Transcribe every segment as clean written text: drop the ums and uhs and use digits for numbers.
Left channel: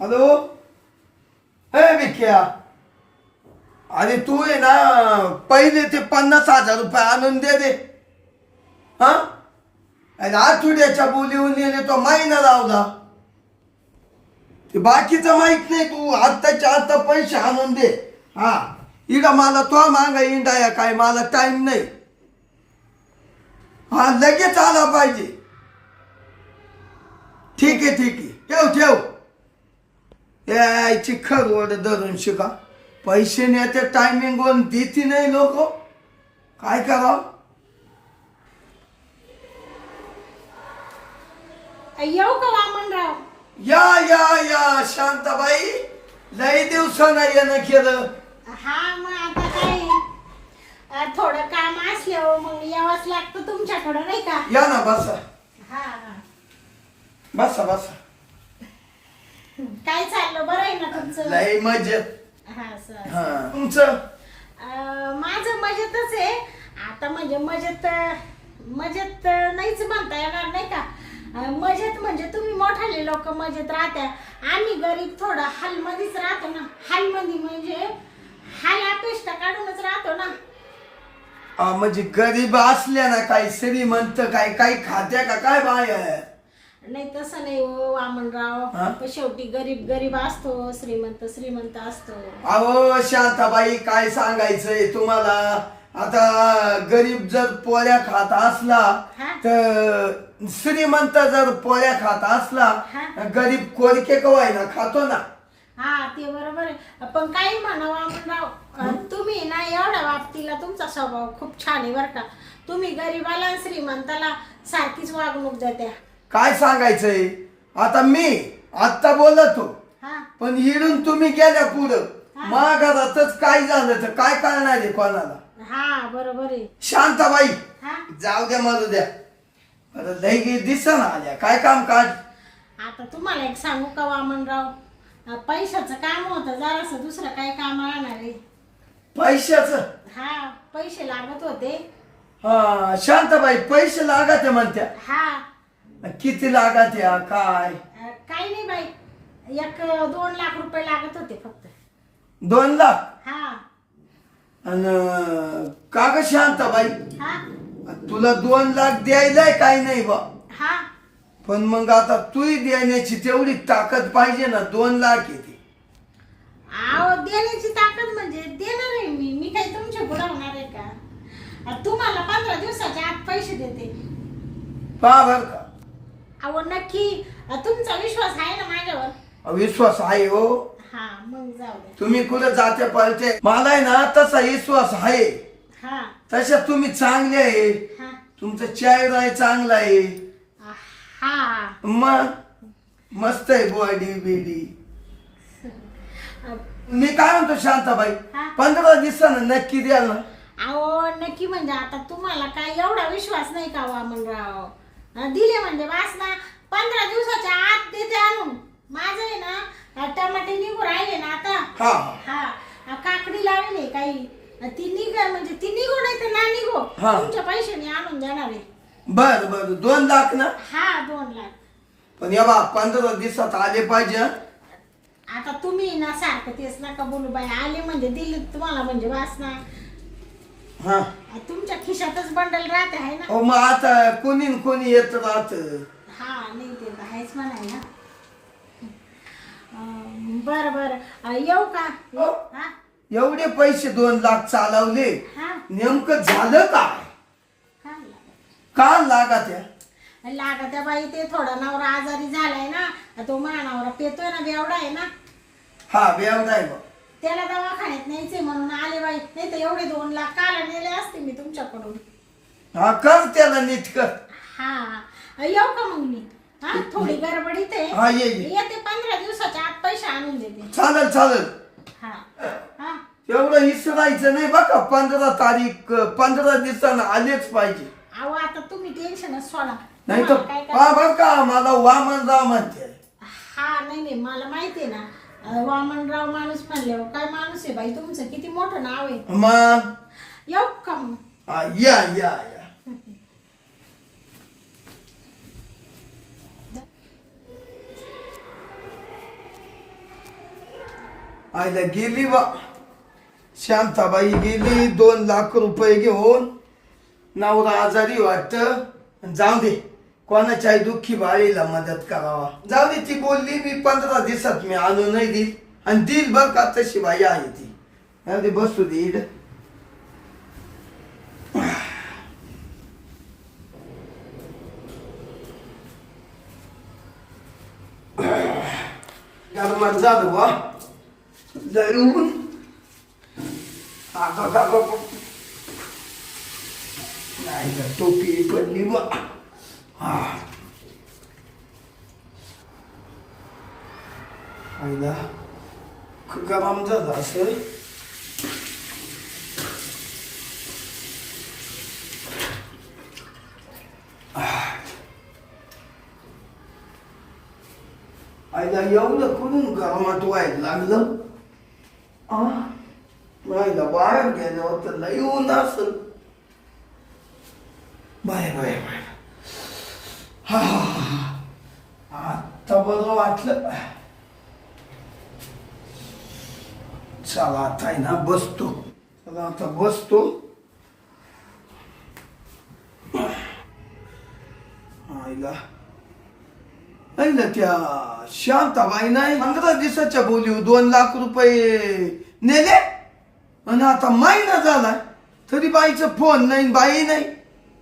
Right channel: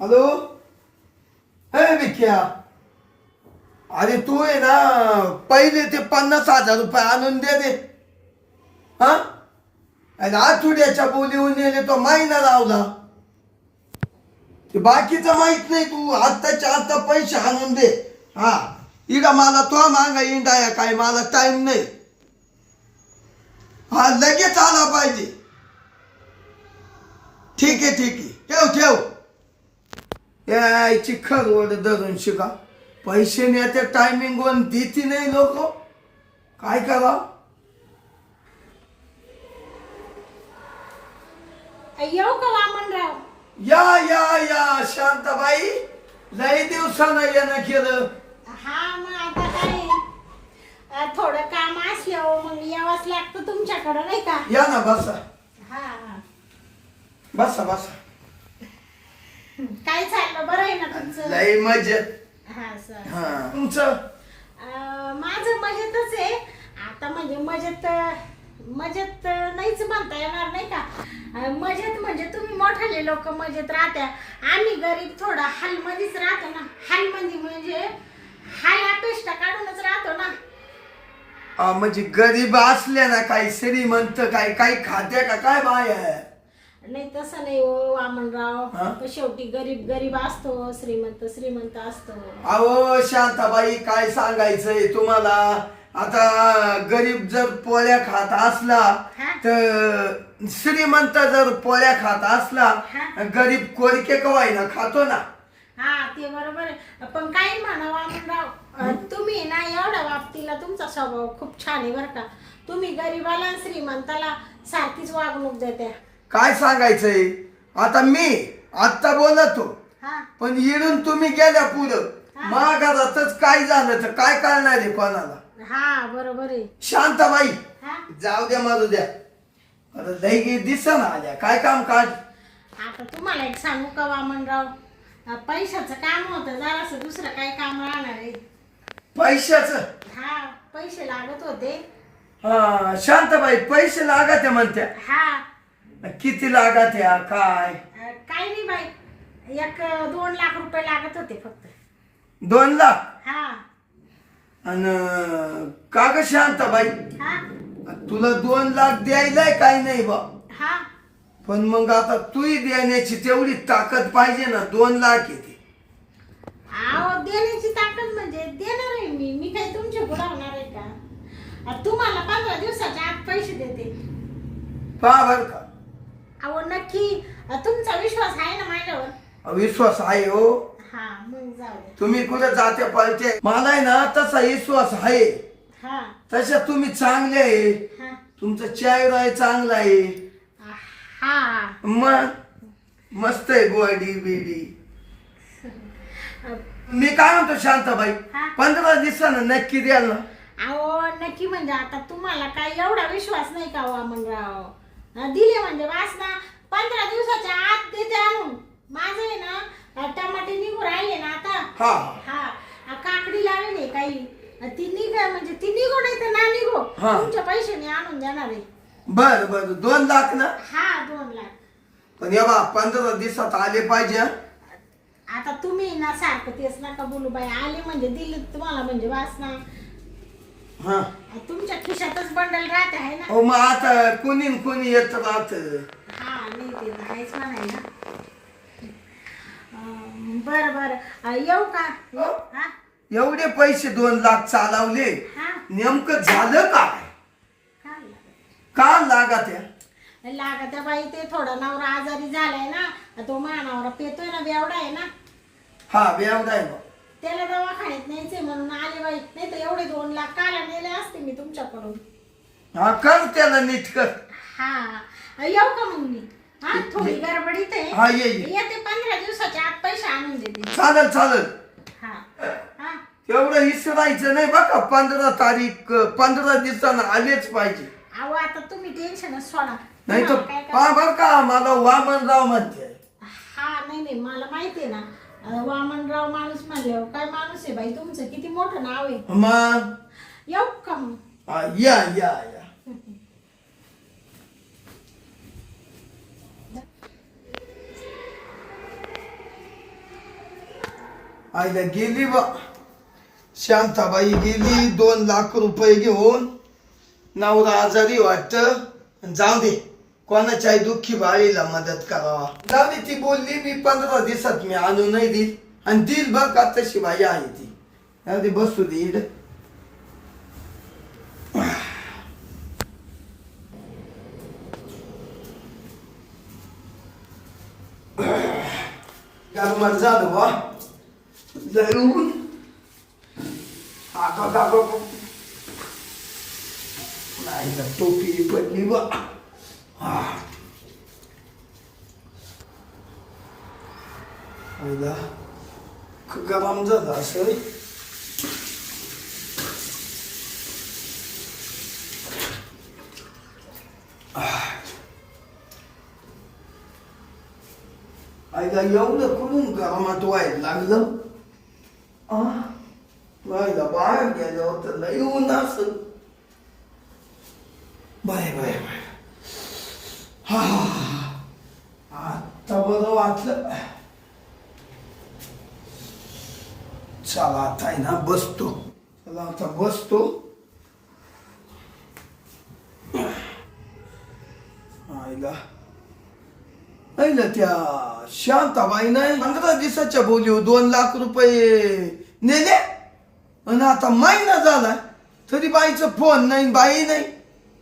Hello. हे विख्या, अरे तू आहे ना पहिले ते 50,000 रुपये आणून दे. हा, आठवड्याच्या बोलीहून नेले तो महिना लावला. ते बाकीचं माहित नाही, तू आत्ताच्या आत्ता पैसे आणून दे. हा, इकडं मला तो मागा इंडाया काय, मला टाइम नाही. हा, लगेच आला पाहिजे. ठीक आहे ठीक आहे, ठेव. यायची खरवड धरून शिका. पैसे नेते टायमिंग वर देती नाही लोक, काय करा. येऊ का वामनराव? या शांताबाई, लई दिवसानं येणं केलं. हा, मग आता काय थोडं काम असलं मग यावंच लागतं तुमच्याकडं, नाही का? या ना, बसा. हा. बसा. काय चाललं, बरं आहे ना तुमचं? लई मजेत. हा सर. हा, तुमचं? माझं मजेतच आहे. आता म्हणजे मजेत नाहीच म्हणता येणार, नाही का? मजेत म्हणजे तुम्ही मोठाले लोक मजेत राहत्या, आम्ही गरीब थोडं हालमध्येच राहतो ना. हालमध्ये म्हणजे हाल अपेष्टा काढूनच राहतो ना. म्हणजे गरीब असल्या ना, काही श्रीमंत काही खात्या का काय बाय? नाही तसं नाही हो वामनराव, शेवटी गरीब असतो, श्रीमंत असतो. अहो शांताबाई, काय सांगायचंय तुम्हाला. आता गरीब जर पोळ्या खात असला तर श्रीमंत जर पोळ्या खात असला, गरीब कोरिके कवायना खातो ना. हा, ते बरोबर आहे. पण काही म्हणा वामनराव, तुम्ही ना एवढ्या बाबतीला तुमचा स्वभाव खूप छान आहे बरं का. तुम्ही गरीबाला आणि श्रीमंताला सारखीच वागणूक देत्या. काय सांगायचंय आता, मी आत्ता बोलतो, पण इडून तुम्ही गेल्या पुढं माघारातच काय झालं तर काय कळणार आहे कोणाला. हा, बरोबर आहे. शांताबाई, जाऊ द्या मारू द्या. लई दिसन आल्या, काय काम काढ. आता तुम्हाला एक सांगू का वामनराव, पैशाचं काम होतं जरासं, दुसरं काय काम राहणार आहे? पैशाचं? हा, पैसे लागत होते. हा, शांताबाई पैसे लागत म्हणत्या. हा. किती लागत या काय? काही नाही बाई, 1-2 लाख रुपये लागत होते फक्त. 2 लाख? हा. आणि का ग शांताबाई, हा. तुला 2 लाख द्यायलाय काय नाही बा. हा. पण मग आता तूही देण्याची तेवढी ताकद पाहिजे ना. 2 लाख येते. आहो, देण्याची ताकद म्हणजे देणार आहे मी काही तुमच्या पुढे होणार आहे का? तुम्हाला 15 दिवसाच्या आत पैसे देते. पहा बर का. अहो नक्की, तुमचा विश्वास आहे ना माझ्यावर? विश्वास आहे हो. हा, मग जाऊ दे. तुम्ही कुठे जाते पळते, मला आहे ना तसा विश्वास आहे. हा. तशा तुम्ही चांगले आहे, तुमचं चेहरा आहे चांगला आहे. हा, मग मस्त आहे बॉडी बिडी. मी काय म्हणतो शांताबाई, 15 दिवसानं नक्की द्याल ना? अहो नक्की म्हणजे आता तुम्हाला काय एवढा विश्वास नाही का वामनराव? दिले म्हणजे वास ना, 15 दिवसाच्या आत देते आणून. माझं आहे ना टमाटे निघू राहिले ना आता. हा, काकडी लावली काही, ती निघा म्हणजे ती निघू नाही तर ना निघो, तुमचे पैसे मी आणून देणार आहे. बर 2 लाख ना? हा, 2 लाख. पण या बा 15 दिवसात आले पाहिजे. आता तुम्ही ना सारखं तेच नका बोलू बाई, आले म्हणजे दिले तुम्हाला म्हणजे वास ना. हा, तुमच्या खिशातच बंडल राहते आहे ना. हो, मग आता कोणी येत राहत. हा, नाही ते तर आहेच म्हणायला. बरं येऊ का? हा, एवढे पैसे 2 लाख चालवले, नेमकं झालं काय? का लागत या? लागत बाई, ते थोडा नवरा आजारी झालाय ना, तो नवरा पेतोय ना, बेवडा आहे ना. हा, बेवडा आहे बा. त्याला दवाखान्यात न्यायचे म्हणून आले बाई, नाही तर एवढे 2 लाख काला नेले असते मी तुमच्याकडून. हा, कर त्याला नीट कर. हा, येऊ का मग मी? हा, थोडी गडबडीत आहे. हा, ये. येते 15 दिवसाच्या आत पैसे आणून देते. चालेल. हा. एवढं विसरायचं नाही बघा. 15 तारीख 15 दिवसानं आलेच पाहिजे. अहो आता तुम्ही टेन्शनच सोडा. नाही तर पहा बर का, मला वामनराव म्हणते. हा, नाही मला माहिती आहे ना, वामनराव माणूस म्हणले. काय माणूस आहे बाई तुमचं, किती मोठं नाव आहे. मग येऊ का मग? या. आईला गेली बा. शांताबाई गेली 2 लाख रुपये घेऊन. नवरा आजारी वाटत. जाऊ दे, कोणाच्याही दुःखी बाळीला मदत करावा. जाऊ दे, ती बोलली मी 15 दिवसात मी आणून नाही देईल आणि दिल बघ का तशी बाई आहे ती. अरे बसू दे इड. गरमट झालं बा. जरूर नाही का टोपी पडली बा. आईला गरम झालं असं. आईला एवढं कुठून गरमात व्हायला लागलं. आईला बाहेर गेल्यावर तर लई ऊन असल. Bye bye bye. आता बरं वाटलं. चला आता आहे ना बसतो. चला आता बसतो. आईला त्या शांताबाई नाही 15 दिवसाच्या बोलीव 2 लाख रुपये नेले आणि आता महिना झालाय तरी बाईचा फोन नाही, बाई नाही.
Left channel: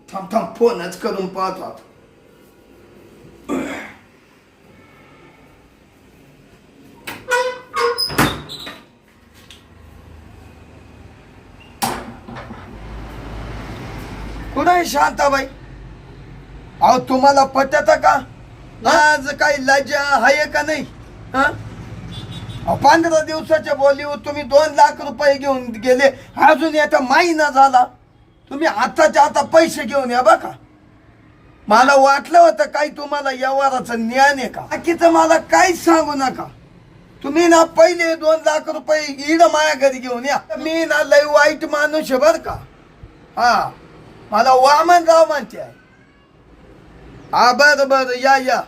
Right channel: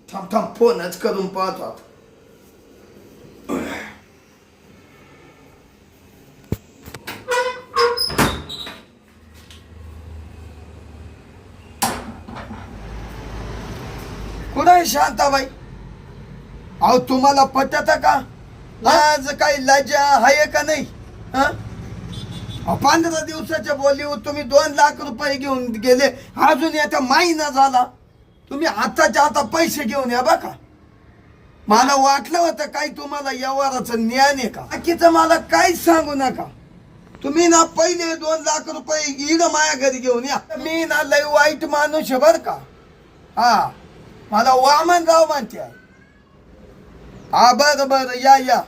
थांब थांब फोनच करून पाहतो आता. कुठं आहे शांताबाई? अहो तुम्हाला पटत का? आज काही लज्जा आहे का नाही? 15 दिवसाच्या बोलीवर तुम्ही 2 लाख रुपये घेऊन गेले. अजून याचा महिना झाला. तुम्ही आताच्या आता पैसे घेऊन या बघा. मला वाटलं होतं काही तुम्हाला व्यवहाराचं ज्ञान आहे का? बाकीचं मला काहीच सांगू नका. तुम्ही ना पहिले 2 लाख रुपये इड माया घरी घेऊन या. मी ना लय वाईट माणूस आहे बर का. मला वामनराव म्हणते आहे. बरं बरं या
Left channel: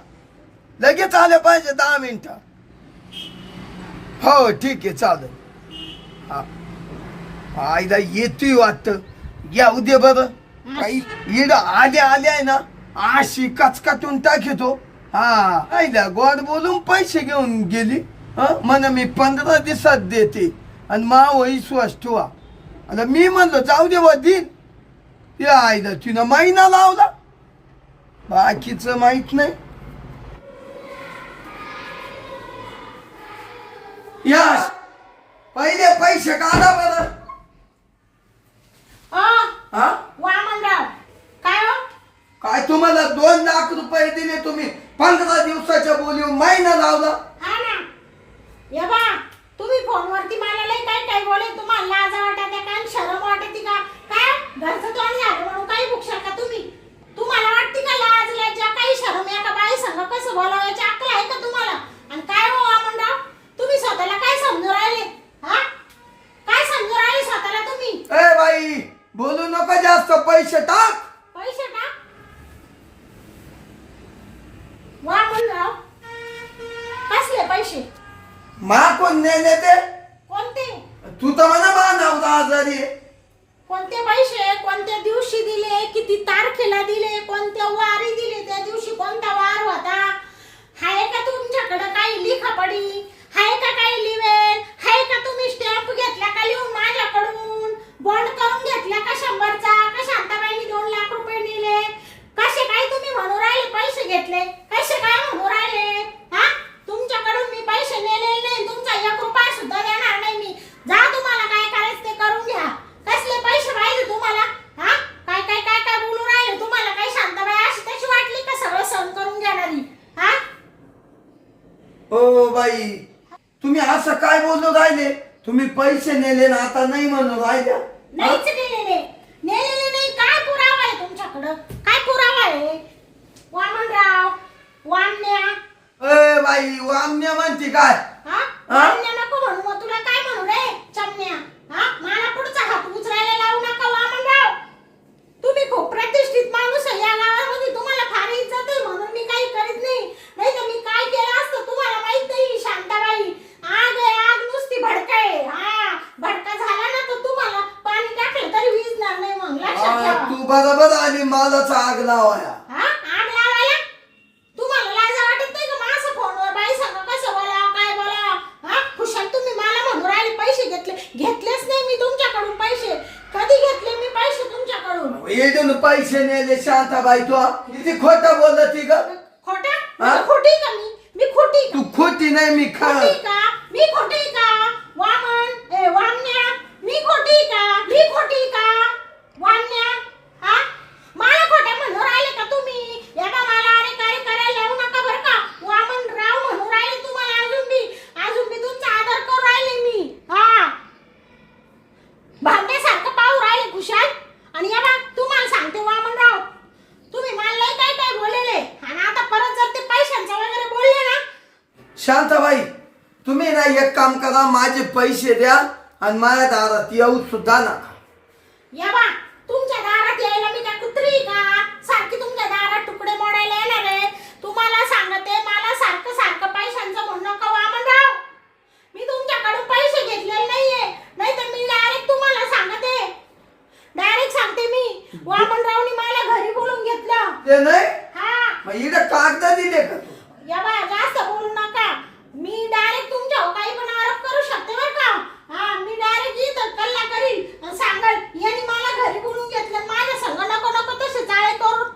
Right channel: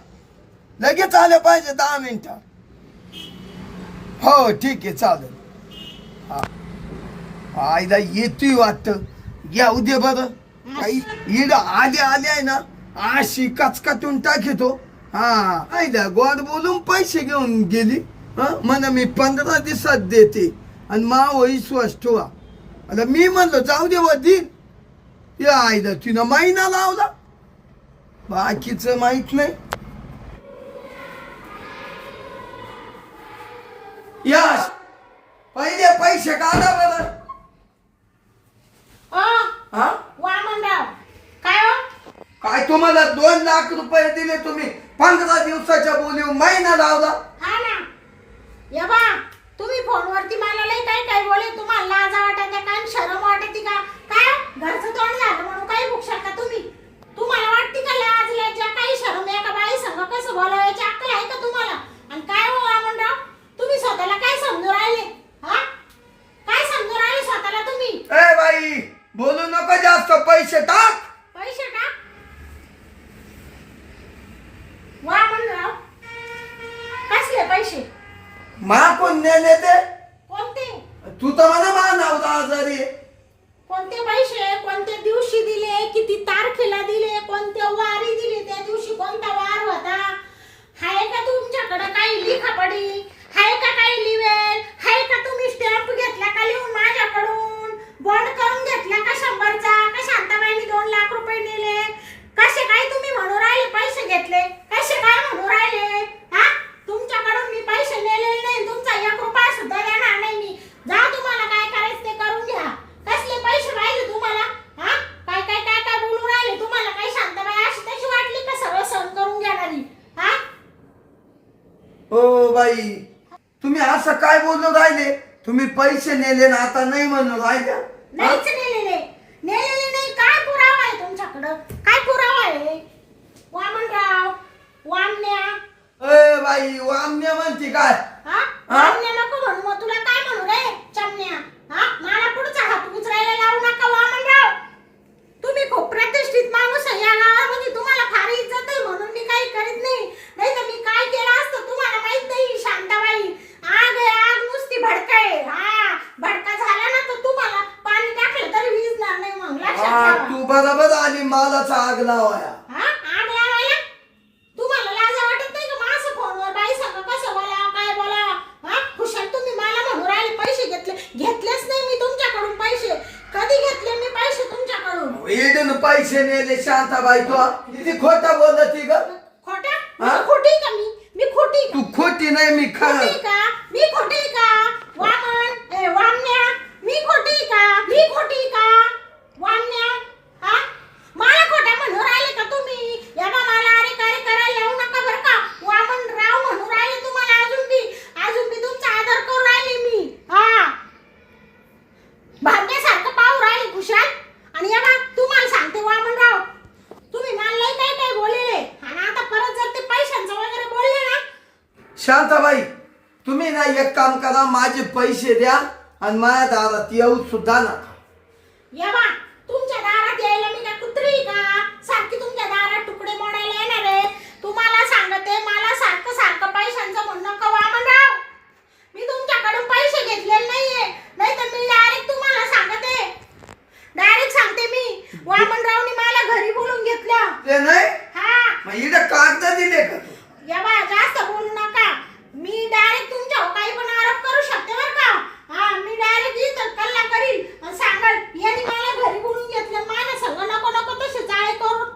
लगेच आले पाहिजे 10 मिनिटं. हो ठीक आहे चालेल. आईला येतोय वाटतं. येऊ दे बरं. काही इड आल्या आहे ना अशी कचकाटून टाकतो. आईला गोड बोलून पैसे घेऊन गेली. म्हण मी 15 दिवसात देते आणि मा विश्वास ठेवा. आता मी म्हणलो जाऊ दे व देईल. या आईला तिनं महिना लावला. बाकीचं माहित नाही. यश पहिले पैसे काढा बरं. वामनराव काय हो? काय तुम्हाला 2 लाख रुपये दिले तुम्ही 15 दिवसाच्या बोलीवर महिना लावला. हा ना. या बा तुम्ही फोनवरती मला लय काय बोले. तुम्हाला लाज वाटत काय शरम वाटते का? काय घरचं तोंड झालं म्हणून काही भुकशाल का तुम्ही? तुम्हाला वाटते का लाज लज्जा काही शरम एका बाई संग कसं बोलायची अक्कल आहे का तुम्हाला? आणि काय हो वामनराव तुम्ही स्वतःला काय समजून राहिले? काय समजून राहिले स्वतःला तुम्ही? ए बाई बोलू नका जास्त. पैसे टाक. पैसे टाक. वामनराव कसले पैसे? मा कोण नेले ते? कोणते? तू तर म्हणा मा नवरा आजारी. कोणते पैसे? कोणत्या दिवशी दिले? किती तारखेला दिले? कोणत्या वारी दिले? त्या दिवशी कोणता वार होता? हाय का तुमच्याकडे काही लिखापडी? हाय का काही लिवेल? हाय का तुम्ही स्टॅम्प घेतला का लिहून माझ्याकडून? बॉन्ड करून घेतला का 100चा? का शांताबाईंनी 2 लाख रुपये नेले? कसे काय तुम्ही म्हणू राहिले पैसे घेतले? कसे काय म्हणू राहिले? तुमच्याकडून मी पैसे नेलेले नाही. तुमचा 1 रुपया सुद्धा देणार नाही मी. जा तुम्हाला काय करायचं ते करून घ्या. कसले पैसे पाहिजे तुम्हाला? काय काय काय काय बोलू राहिले? तुम्हाला काही शांताबाई अशी तशी वाटली का सगळं सहन करून घेणारी? ओ बाई तुम्ही असं काय बोलू राहिले? तुम्ही पैसे नेले ना आता नाही म्हणून राहिल्या. नाहीच नेलेले नाही. काय पुरावा आहे तुमच्याकडं? काय पुरावा आहे? वामनराव वामन्या. ए बाई वामन्या म्हणते काय? वामन्या नको म्हणू. मग तुला काय म्हणू रे चमन्या? मला पुढचा हात उचरायला लावू नका वामनराव. तुम्ही खूप प्रतिष्ठित माणूस आहे या गावामध्ये. तुम्हाला फार इज्जत आहे म्हणून मी काही करीत नाही. नाही तर मी काय केलं असतं तुम्हाला माहित नाही. शांताबाई आग नुसती भडक पैसे नेले शांताबाई तू किती खोटं बोलत ग खोटा हा? खोटी का मी खोटी का तू खोटी नाही मी खरं खोटी का मी खोटी का वामन वामन्या मी खोटी का वामन्या हा मला खोटा म्हणून राहिले का तुम्ही याबा मला अरे काय करायला लावू नका बरं का वामन राव म्हणून राहिले तुम्हाला अजून बी तुमचा आदर करू राहिले मी हा भांड्यासारखं पाहू राहिले खुशाल आणि याबा तुम्हाला सांगते वामनराव तुम्ही मला लय काय बोललेले आणि आता परत जर ते पैशांचं वगैरे बोलले ना शांताबाई तुम्ही ना एक काम करा माझे पैसे द्या आणि माझ्या दारात येऊ सुद्धा नका या बा तुमच्या दारात यायला मी काय कुत्री का सारखी तुमच्या दारात तुकडे मोडायला येणार आहे तुम्हाला सांगते मला सारखं पैशांचं म्हणू नका वामनराव मी तुमच्याकडून पैसे घेतलेले नाहीये नाही तर मी डायरेक्ट तुम्हाला सांगते डायरेक्ट सांगते मी वामनरावनी मला घरी बोलून घेतलं ते नाही हा मग इकडे कागद दिले का तू या बा जास्त बोलू नका मी डायरेक्ट तुमच्यावर काही पण आरोप करू शकते बरं का हा मी डायरेक्ट इथं कल्ला करीन आणि सांगल यांनी मला घरी बोलून घेतलं माझ्या संग नको तसे चाळे करून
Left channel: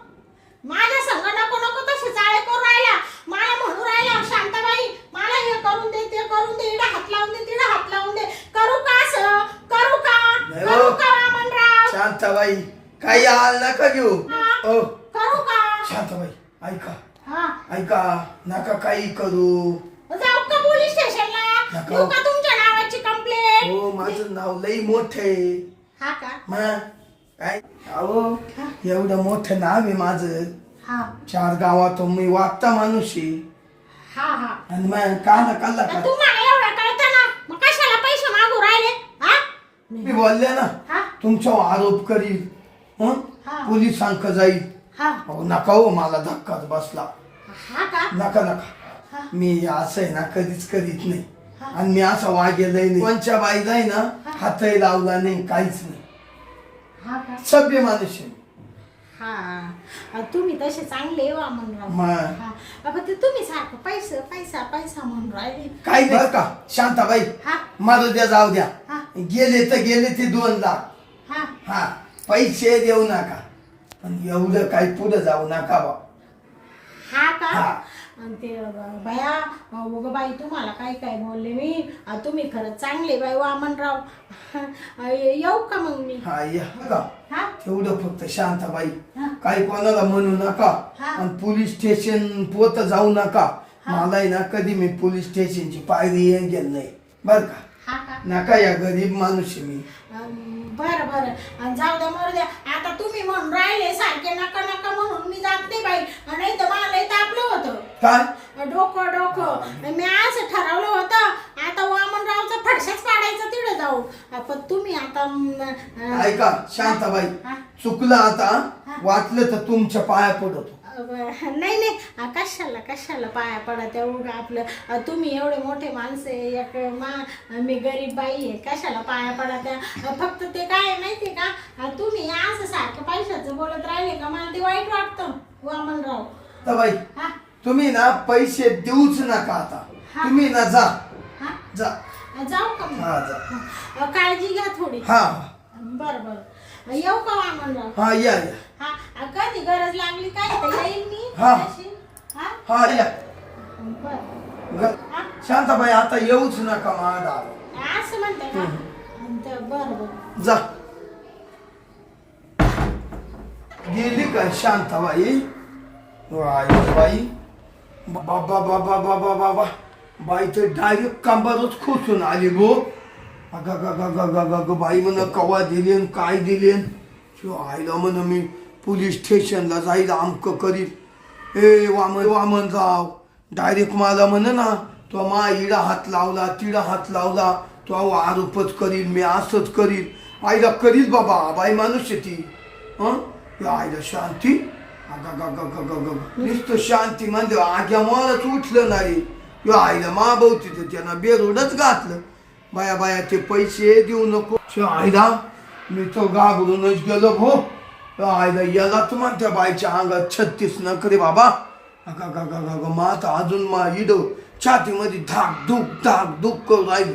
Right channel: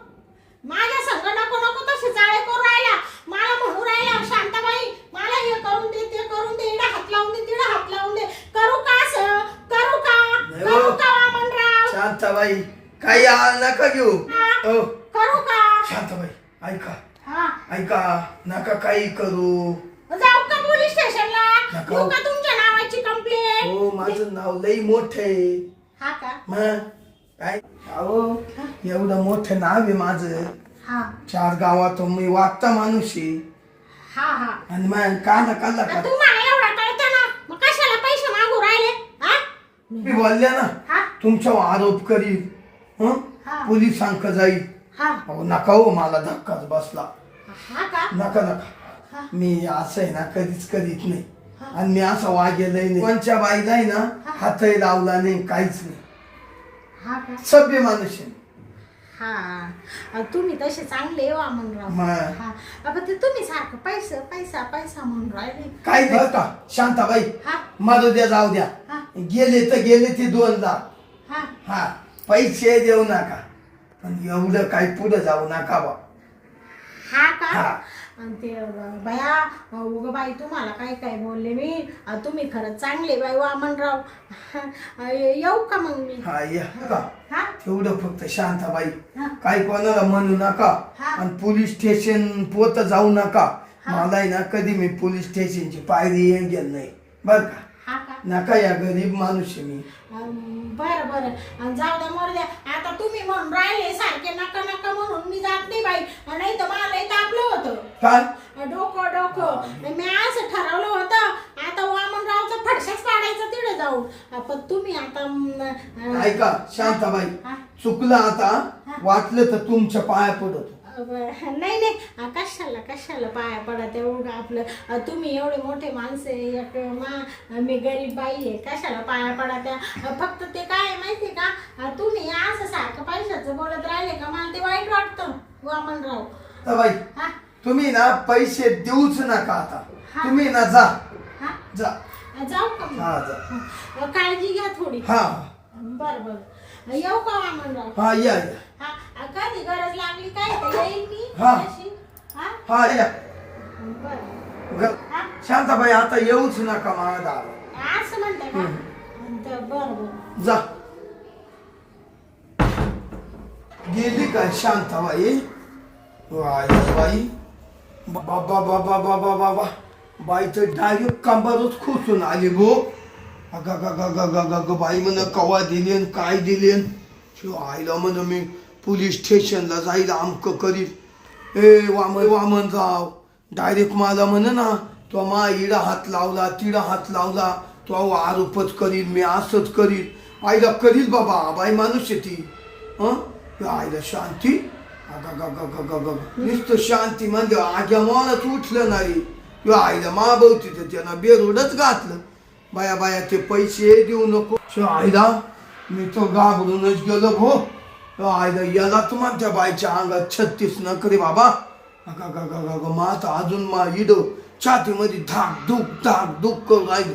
माझ्या संग नको तसे चाळे करून राहिला मला म्हणू राहिला शांताबाई मला हे करून दे ते करून दे इकडे हात लावून दे तिकडे हात लावून दे करू का असं करू का वामनराव शांताबाई काही आळ नका घेऊ हा. ओ करू का शांताबाई ऐका हा ऐका नका काही करू जाऊ का पोलीस स्टेशनला नको. देऊ का तुमच्या नावाची कंप्लेंट हो माझं नाव लई मोठं आहे हा का मग काय अहो एवढं मोठं नाव आहे माझं हा 4 गावात मी वागता माणूस आहे हा आणि मग का नका तर तुम्हाला एवढा कळतं ना मग कशाला पैसे मागू राहिले हा मी बोलले ना हा तुमच्यावर आरोप करील हं? हा. पोलिसांक जाईल हा अहो नका हो मला धक्काच बसला हा का नका हा. मी असं आहे ना कधीच करीत नाही हा. आणि मी असं वागेलही नाही कोणच्या बाईला आहे ना हा. हातही लावला नाही काहीच नाही हा का सभ्य माणूस आहे हा तुम्ही तसे चांगले वामनराव मग हा अगं ते तुम्ही सारखं पैसा म्हणून राहिले काही बरं का शांताबाई हा मारू द्या जाऊ द्या हा गेले तर गेले ते 2 लाख हा हा पैसे देऊ नका पण एवढं काही पुढे जाऊ नका बा हा का हा. आणि ते बाया उगं बाई तुम्हाला काय बोलले मी तुम्ही खरंच चांगले बाई वामनराव येऊ का मग मी हा या का हा तेवढं फक्त शांताबाई हा. काही कोणाला म्हणू नका हा. आणि पोलीस स्टेशन पोत जाऊ नका हा. मला आहे ना कधी मी पोलीस स्टेशनची पायरी येऊन गेल नाही बर का हा का नका या गरीब माणूस आहे मी बरं जाऊ द्या मरू द्या आता तुम्ही म्हणून राहिले सारखे नका म्हणून मी जात नाही बाई नाही तर मला इथं आपलं होतं काय डोकं मी असं ठरवलं होतं आता वामनरावचं फडशाच काढायचं तिकडे जाऊ पण तुम्ही आता ऐका शांताबाई हा. चुकलं आता हा. वाटलं तर तुमच्या पाया पडतो नाही कशाला पाया पडा तेवढं आपलं तुम्ही एवढे मोठे माणसं एक मी गरीब बाई आहे कशाला पाया पडा त्या फक्त ते काय माहितीये का तुम्ही असं सारखं पैशाचं बोलत राहिले का मला ते वाईट वाटतं वामनराव तर बाई हा तुम्ही ना पैसे देऊच नका आता हा. तुम्ही ना जा हा जा जाऊ का मग? हा जा काळजी घ्या थोडी हा बरं येऊ का वामनराव हा या हा कधी गरज लागली काय तर येईल मी हा. तशी. हा हा या बरं हा शांताबाई आता येऊच नका माझा असं म्हणते का बरं जा गेली काय शांताबाई बाई बाबा बाबा बाबा बाबा बाई तर डायरेक्ट कंबरच खोचून आली भो अग बाई म्हण कवा दिलेन काय दिलेन शिव आईला म्हण मी पोलीस स्टेशनला जाईल आमक करीत वामनराव डायरेक्ट मला म्हण ना तो मा इडा हात लावला तिडा हात लावला तो आरोपच करील मी असंच करील आईला करील बाबा बाई माणूस आहे ती आईला शांती नुसतं शांती म्हणजे आग्या मलाच उठलं नाही किंवा आईला माभवती तर त्यानं बेरोडच घातलं बाया ते पैसे देऊ नको आईला मी तो घाबरूनच गेलो भो आईला याला तर म्हणत्या बाईच्या अंगात 36 नखरे बाबा माता अजून मा इड छातीमध्ये धाक धूक करून राहिली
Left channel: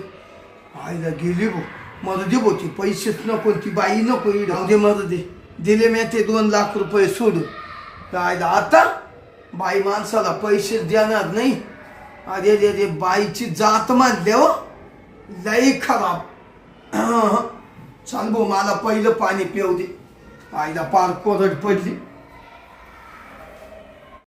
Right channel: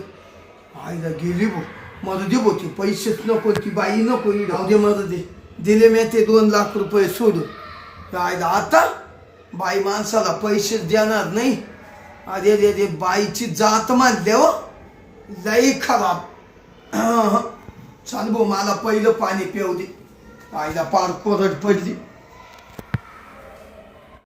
आईला गेली भो मरू दे भो ती पैसेच नको ती बाई नको इड दे मरू दे दिले मी ते 2 लाख रुपये सोडून. काय आता बाई माणसाला पैसे देणार नाही. अरे रे रे बाईची जात मानले हो, लई खराब. चाल भाऊ मला पहिलं पाणी पिऊ दे. आईला पार कोरड पडली.